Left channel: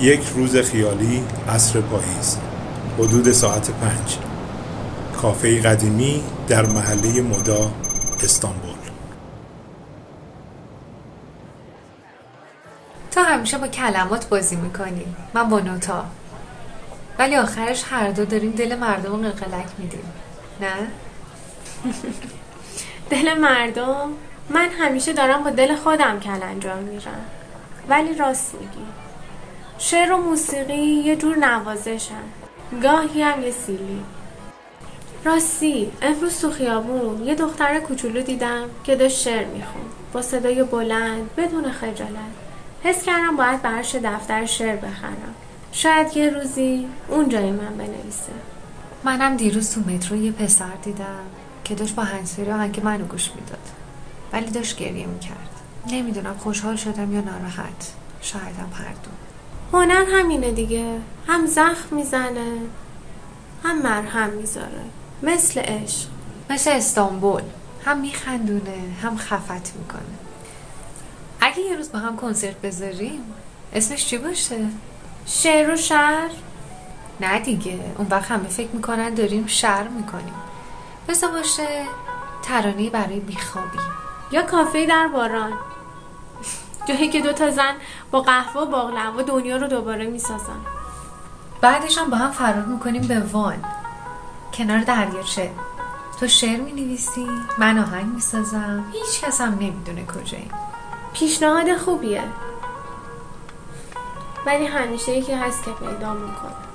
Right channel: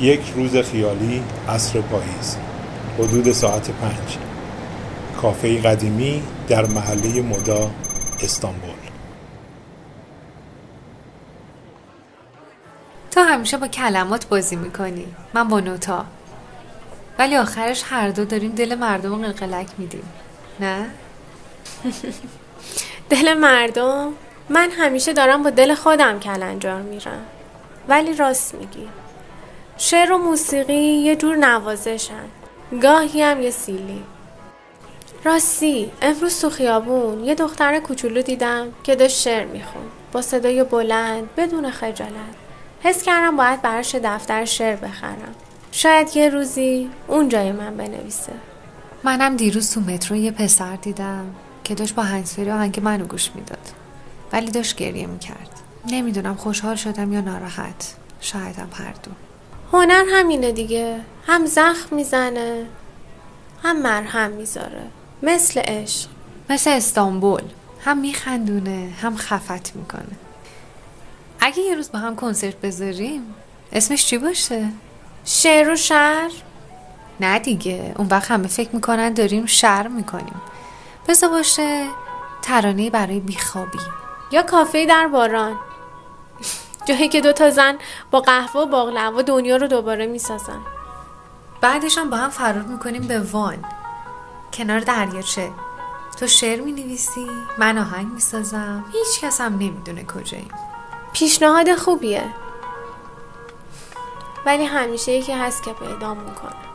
یک روز خیالی، عصر پاییز، حدود ساعت 5. کافه قدیمی در محله مدا، استانبول. تو همیشه با کلمات بازی میکنی، من با نوتا، ولی آخرش هر دو داریم دل مردم رو قلقلک میدیم، نه؟ دل مردم؟ من همیشه دارم با دل خودم کلنجار میرم. ولی راست میگی، شعر و موسیقی یه جور نوازشن، گاهی هم یه سیلی. راستی امروز تو خیابون یه دختر کوچولو دیدم که داشت شعر میخوند با صدای بلند بدون خجالت. حس کردم باید براش دفتر شعر بخرم، شاید یه روزی اون جای من بنویسه. منم دیروز تو مترو یه پسر دیدم که داشت با هنسفری آهنگ منو گوش میداد، ولی داشت گریه میکرد. نمیدونم خوشحال شدم یا ناراحت، شایدم هر دو. هنر همینه دیگه، هم زخم میزنه هم مرهم میذاره، مثل عشق، مثل استانبول، هم میخندونه هم خفت میکنه. اگه یه روز با هم کنسرت بذاریم اسمش چی باشه؟ شعر و شعر؟ نه دیگه، اون وقت همه فکر میکنن داریم شعر میکنیم. بذار باشه ترانه برای بیخوابی یا کافه در باران، جایی که 2 زن با قهوه و باقلوا دنیا رو دوباره میسازن. بعدش هم با هم فرار میکنیم به وان، کنار دریاچه. تو شعر مینویسی، من آهنگ میسازم، هیچ کس هم نمیدونه کجایی. پیشنهاد خوبیه، ولی همیشه یکی هست که پیدا میکنه.